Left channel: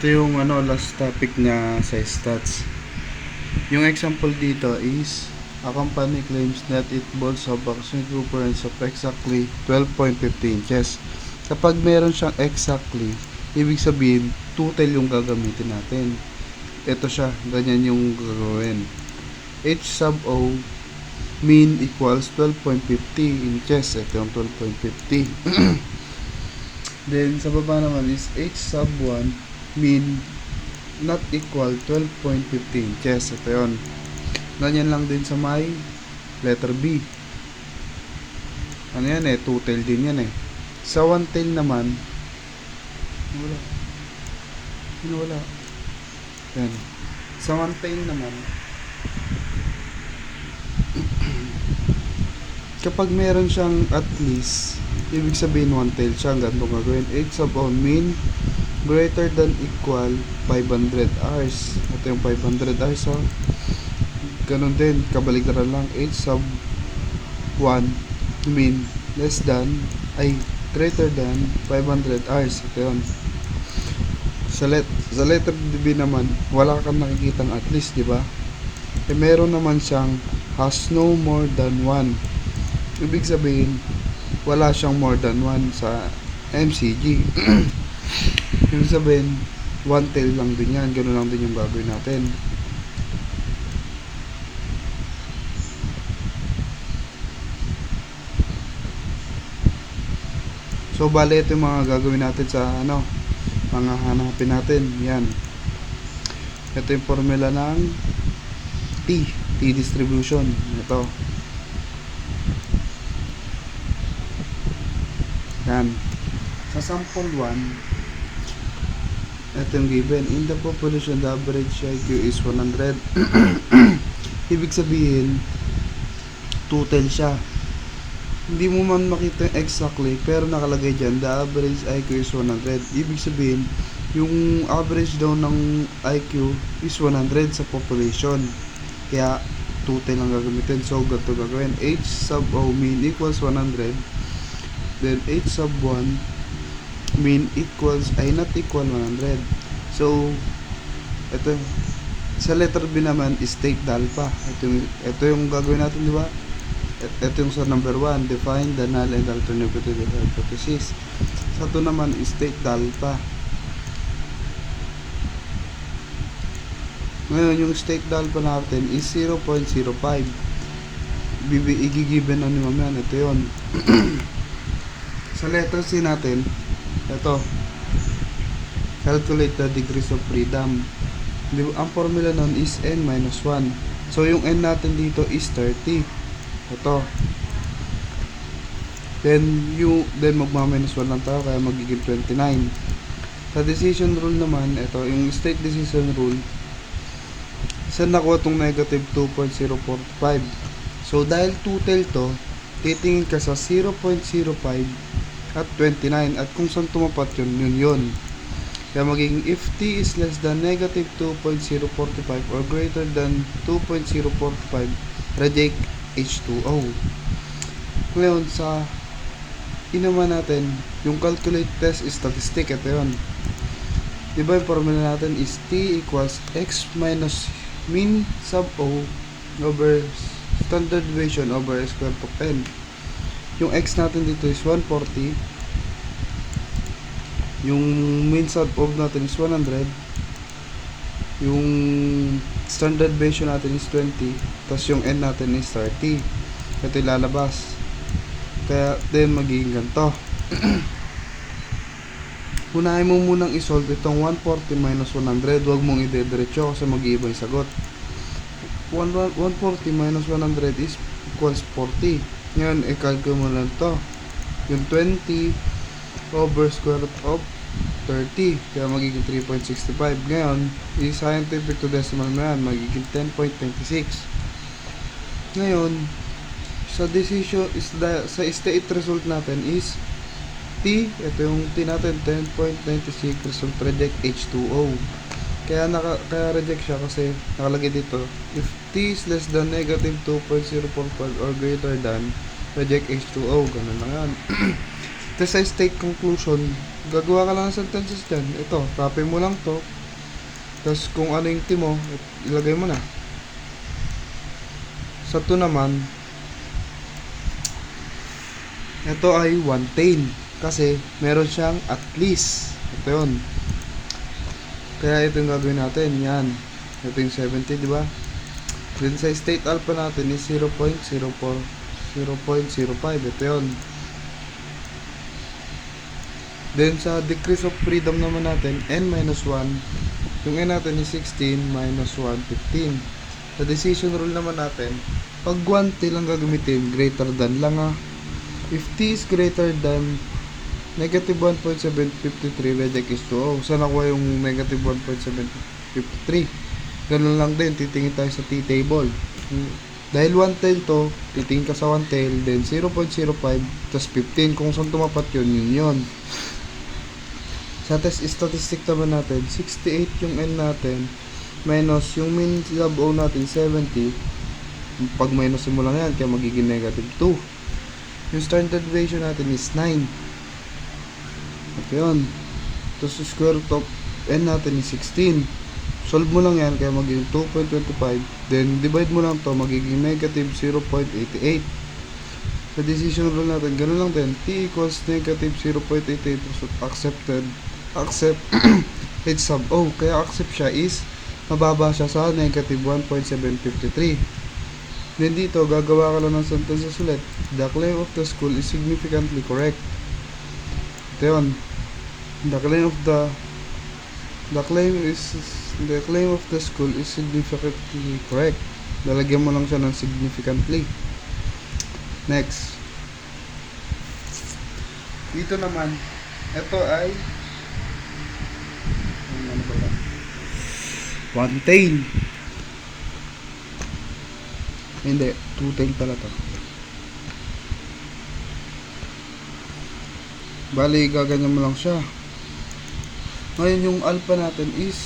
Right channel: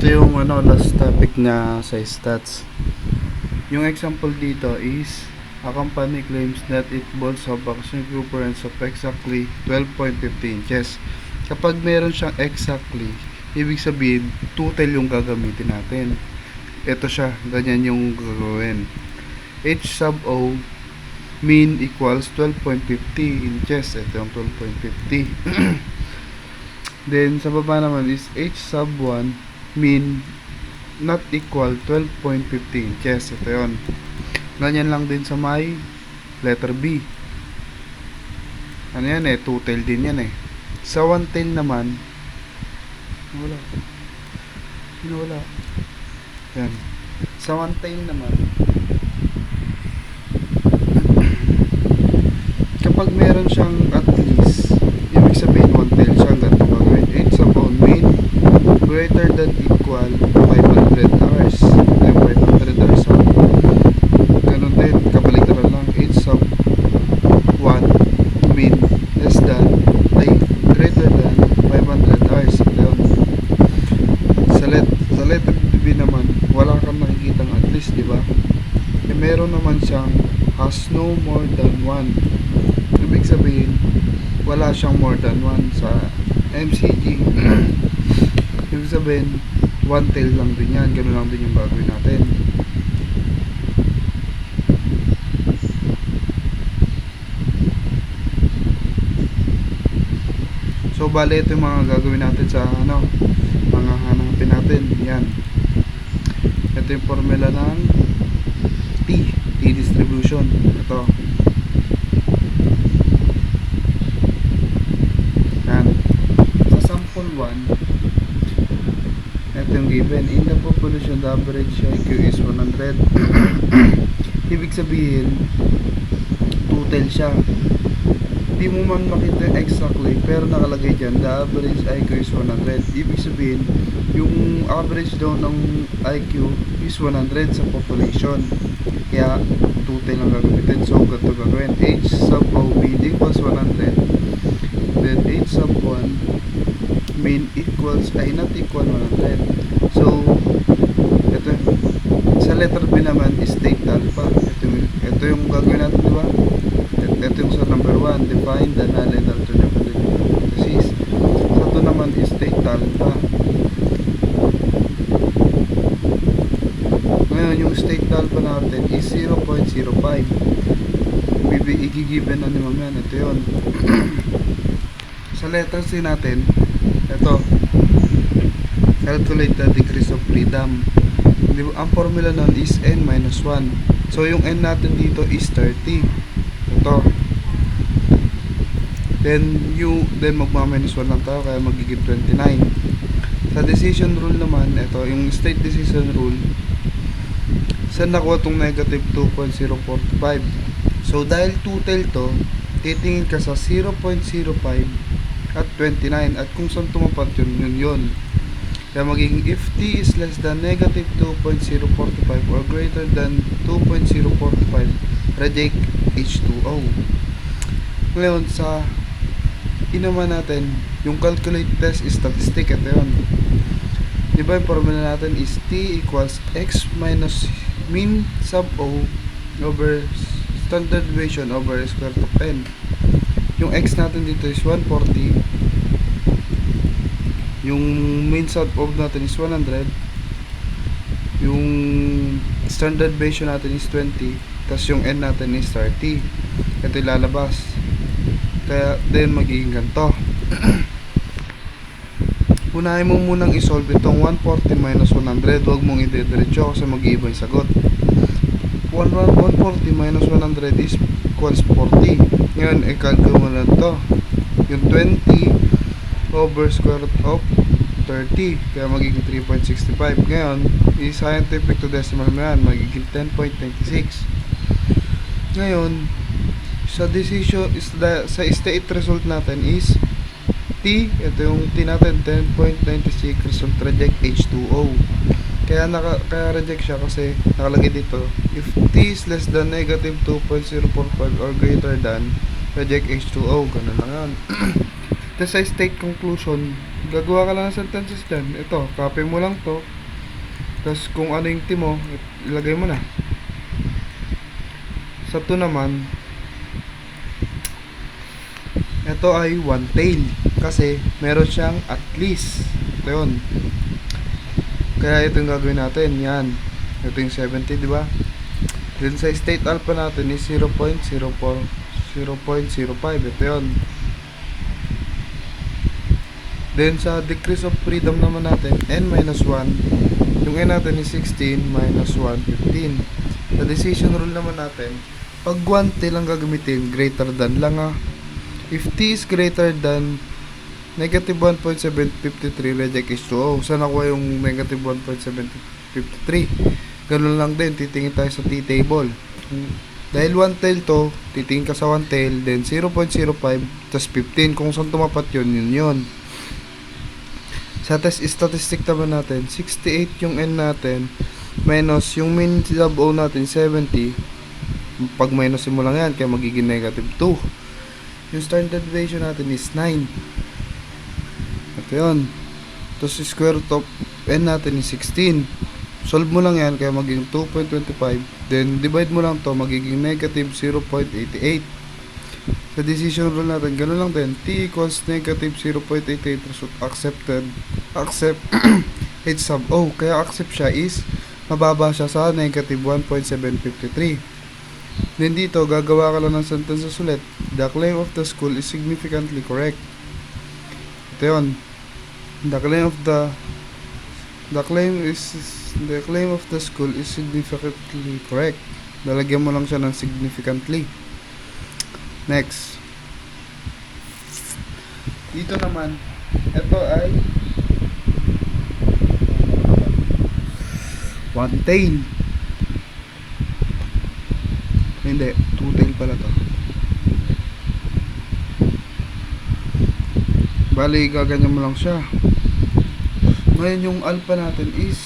Ito yung last topic na sa stats. Yung example dito is a company claims that it bolts a vaccine equivalence of exactly 12.50 inches. Kapag meron siyang exactly, ibig sabihin total yung gagamitin natin. Ito siya, ganyan yung gagawin. H sub O mean equals 12.50 inches. Ito yung 12.50. Then sa baba naman is H sub 1 mean not equal 12.50 inches. Ito yun. Ganyan lang din sa may letter B. Ano yan two tail din yan Sa one tail naman, wala. Yan. Sa one tail naman, kapag meron siyang at least, ibig sabihin one tail siya, ganito gagawin. H sub on mean greater than equal 500 hours. Ito yung 500 hours ganun din, kabaliktaran lang. H sub 1 mean less than greater than 500 hours. Ito yun. Sa letter B naman, wala kang nakikitang at least, di ba? Meron naman siyang has no more than 1. Ibig sabihin, wala siyang more than 1 sa MCG. Ibig sabihin, one tail lang din yan. Ganun lang din yung gagawin natin. So, bale ito yung mga gagawin natin sa mga hanapin natin. Yan. Ito yung formula ng T distribution. Ito. Yan. Sa sample 1, ito yung given. In the population, the average IQ is 100. Ibig sabihin, total siya. Hindi mo man makita exactly, pero nakalagay dyan, the average IQ is 100. Ibig sabihin, yung average daw ng IQ is 100 sa population. Kaya, total lang gagamitin. So, ganito gagawin. H sub O mean equals 100. Then, H sub 1 mean equals, not equal 100. So, ito sa letter B naman is state alpha. Ito yung gagawin natin, di ba? Ito yung sa number 1, define the null and alternate hypothesis. Sa ito naman is state alpha. Ngayon yung state alpha natin is 0.05. Igigiven ni mamaya. Ito yun. Sa letter C natin, ito, calculate the degrees of freedom. Ang formula nun is n-1. So yung n natin dito is 30. Ito. Then magma-minus 1 lang tayo, kaya magiging 29. Sa decision rule naman, ito yung state decision rule, saan nakuha itong negative 2.045. So dahil total to, titingin ka sa 0.05 at 29, at kung saan tumapat yun. Kaya magiging if t is less than negative 2.045 or greater than 2.045, reject H2O. Ngayon sa inaman natin, yung calculate test statistic, ito yun. Diba yung formula natin is t equals x minus mean sub O over standard deviation over square root of n. Yung x natin dito is 140. Yung mean sub of natin is 100. Yung standard deviation natin is 20. Tapos yung n natin is 30. Ito ilalabas. Kaya then magiging ganito. Unahin mo munang isolve itong 140 minus 100. Huwag mong ide-diretso kasi mag-iiba yung sagot. 140 minus 100 is equals 40. Ngayon, i-calculate mo lang ito. Yung 20 over square root of 30. Kaya magiging 3.65. Ngayon, i-scientific to decimal mo yan. Magiging 10.26. Ngayon, sa decision, sa state result natin is T, ito yung T natin, 10.96 result reject H2O. Kaya reject siya kasi nakalagay dito, if T is less than negative 2.045 or greater than, reject H2O. Ganun lang yan. Tapos sa state conclusion, gagawa ka lang ng sentences dyan. Ito, copy mo lang to. Tapos kung ano yung team mo, ilagay mo na. Sa 2 naman, ito ay one tail. Kasi meron siyang at least. Ito yun. Kaya ito yung gagawin natin. Yan. Ito yung 70, di ba? Then sa state alpha natin is 0.05. Ito yun. Then sa decrease of freedom naman natin, n-1. Yung n natin is 16 minus 1, 15. Sa decision rule naman natin, pag 1 tail ang gagamitin, greater than lang If t is greater than negative 1.753, reject is 2. Saan nakuha yung negative 1.753? Ganun lang din, titingin tayo sa t-table. Dahil 1 tail to, titingin ka sa 1 tail, then 0.05, tas 15. Kung saan tumapat yun. Sa test statistic naman natin, 68 yung n natin, minus yung min sub o natin, 70. Pag minus mo lang yan, kaya magiging negative 2. Yung standard deviation natin is 9. Ito yun. Tapos square root of n natin is 16. Solve mo lang yan, kaya magiging 2.25. Then divide mo lang to, magiging negative 0.88. Sa decision rule natin, ganoon lang din. T equals negative 0.88. So accept h sub o. Kaya accept siya is mababa siya sa negative 1.753. Then dito, gagawa ka lang ng sentences ulit. The claim of the school is significantly correct. Ito yun. The claim of the school is significantly correct. Lalagyan mo lang siya ng significantly. Next. Dito naman, ito ay one tail. Hindi, two tail pala to. Bali, gaganyan mo lang siya. Ngayon yung alpha natin is,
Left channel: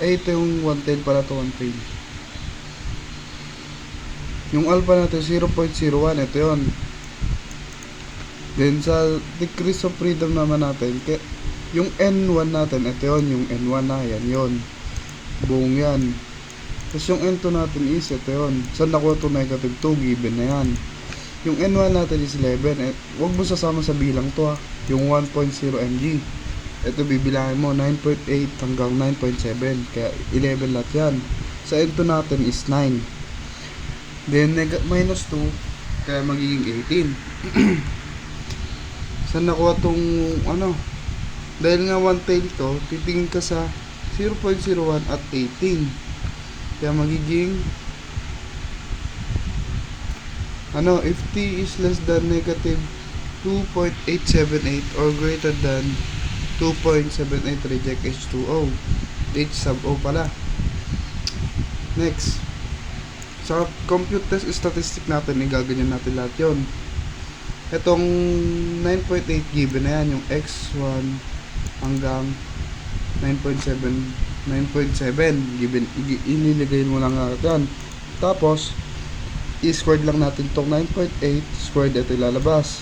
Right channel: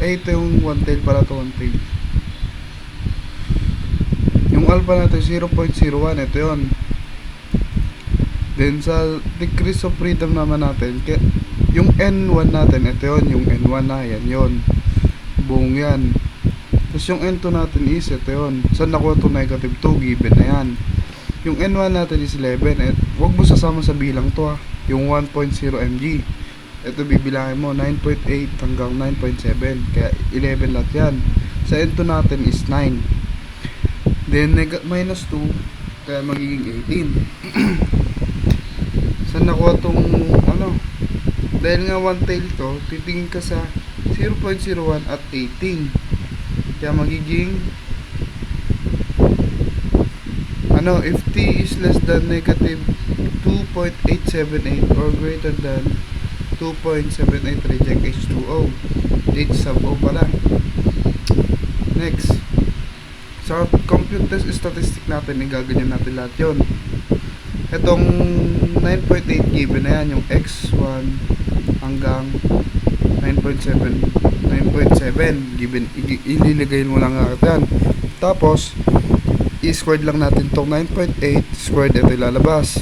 ito yung one tail pala to, one tail. Yung alpha natin 0.01, ito yun. Then sa decrease of freedom naman natin, yung n1 natin, ito yun, yung n1 na, yan yun. Buong yan. Tapos yung n2 natin is, ito yun. Saan nakuha ito? Negative 2, given na yan. Yung n1 natin is 11. Huwag mo sasama sa bilang to yung 1.0 mg. Ito bibilangin mo, 9.8 hanggang 9.7. Kaya 11 lahat yan. Sa n2 natin is 9. Then minus 2, kaya magiging 18. Saan nakuha tong ano? Dahil nga one tail to, titingin ka sa 0.01 at 18. Kaya magiging if t is less than negative 2.878 or greater than 2.78, reject H2O. H sub O pala. Next. Sa compute test statistic natin, igaganyan natin lahat yon. Itong 9.8 given na yan, yung x1 hanggang 9.7 given, ililigayin mo lang yan. Tapos i-squared lang natin tong 9.8 squared, ito ilalabas.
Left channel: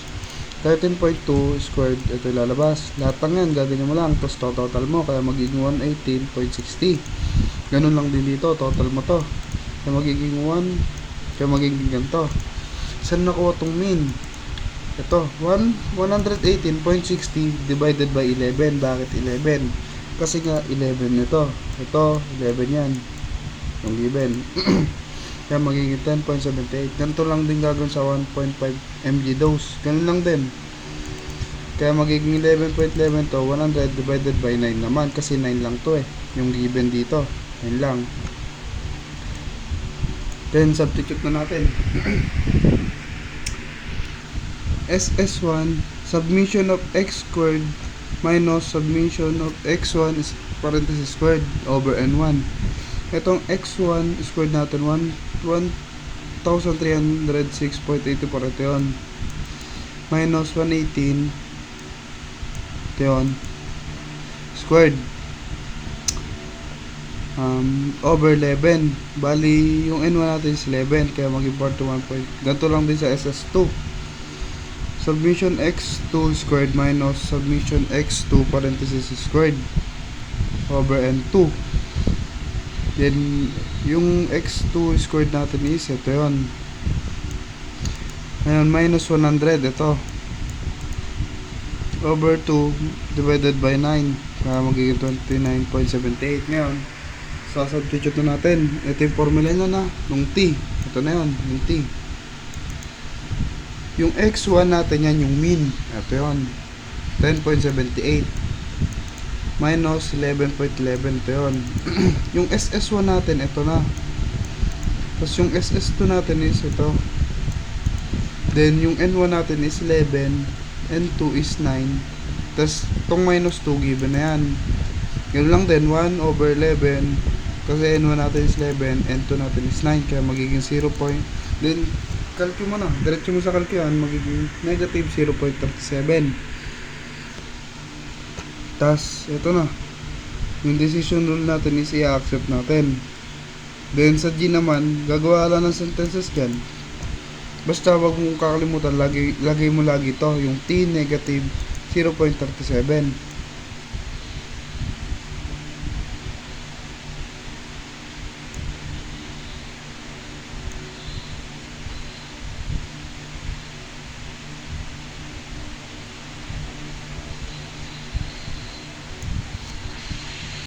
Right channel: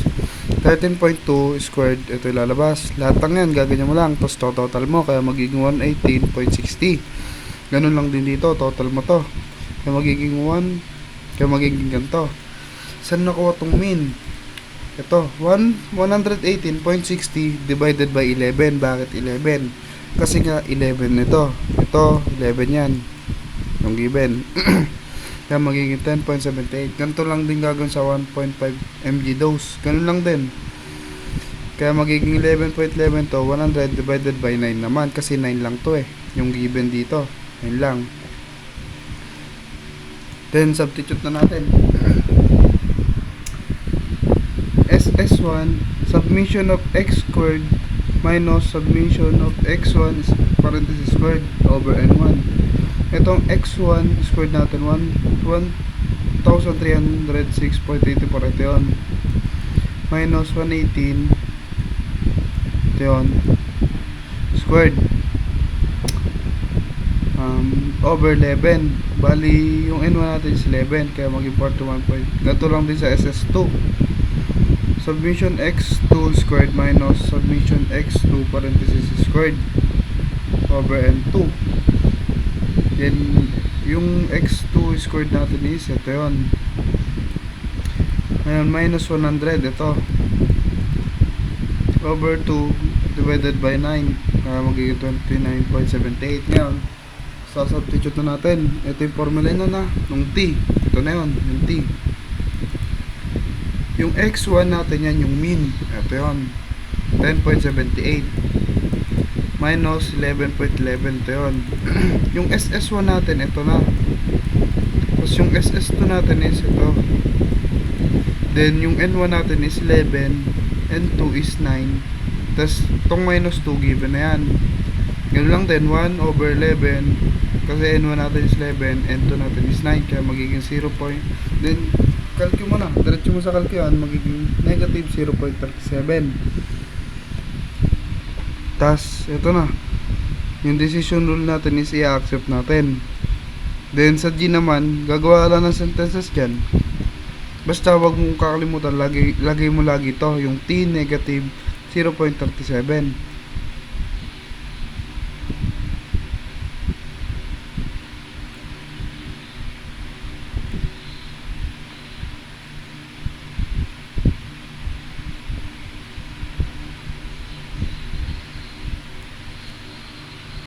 13.2 squared, ito ilalabas. Lahat ng yan gaganyan mo lang, tapos total mo, kaya magiging 118.60. ganun lang din dito, total mo to, kaya magiging 1, kaya magiging ganito. Saan nakuha tong mean? Ito, 118.60 divided by 11. Bakit 11? Kasi nga 11 ito. Ito, 11 yan. Yung given. Kaya magiging 10.78. Ganito lang din gagawin sa 1.5 mg dose. Ganun lang din. Kaya magiging 11.11 to, 100 divided by 9 naman. Kasi 9 lang to yung given dito. 9 lang. Then, substitute na natin. SS1, submission of x squared minus submission of x1 is parenthesis squared over n1. Itong x1 squared natin 1306.84, ito yun, minus 118, ito yun, squared over 11. Bali yung n1 natin is 11, kaya maging 41 point. Ganito lang din sa SS2. Summation x2 squared minus summation x2 parenthesis squared over n2. Then, yung x2 squared natin is ito yun. Ngayon, minus 100, ito. Over 2 divided by 9. Kaya magiging 29.78. Ngayon, substitute na natin. Ito yung formula na nung t. Ito na yun, yung t. Yung x1 natin yan, yung mean. Ito yun, 10.78 minus 11.11. Ito yun. Yung ss1 natin, ito na. Tapos yung ss2 natin is ito. Then yung n1 natin is 11, n2 is 9. Tapos itong minus 2 given na yan. Ganun lang din, 1 over 11. Kasi n1 natin is 11, n2 natin is 9. Kaya magiging 0. Then calculate mo na, diretso mo sa calculate, magiging negative 0.37. Tas ito na, yung decision rule natin is i-accept natin. Then sa G naman, gagawa lang ng sentences dyan. Basta wag mong kakalimutan, lagay mo lagi to, yung t negative 0.37.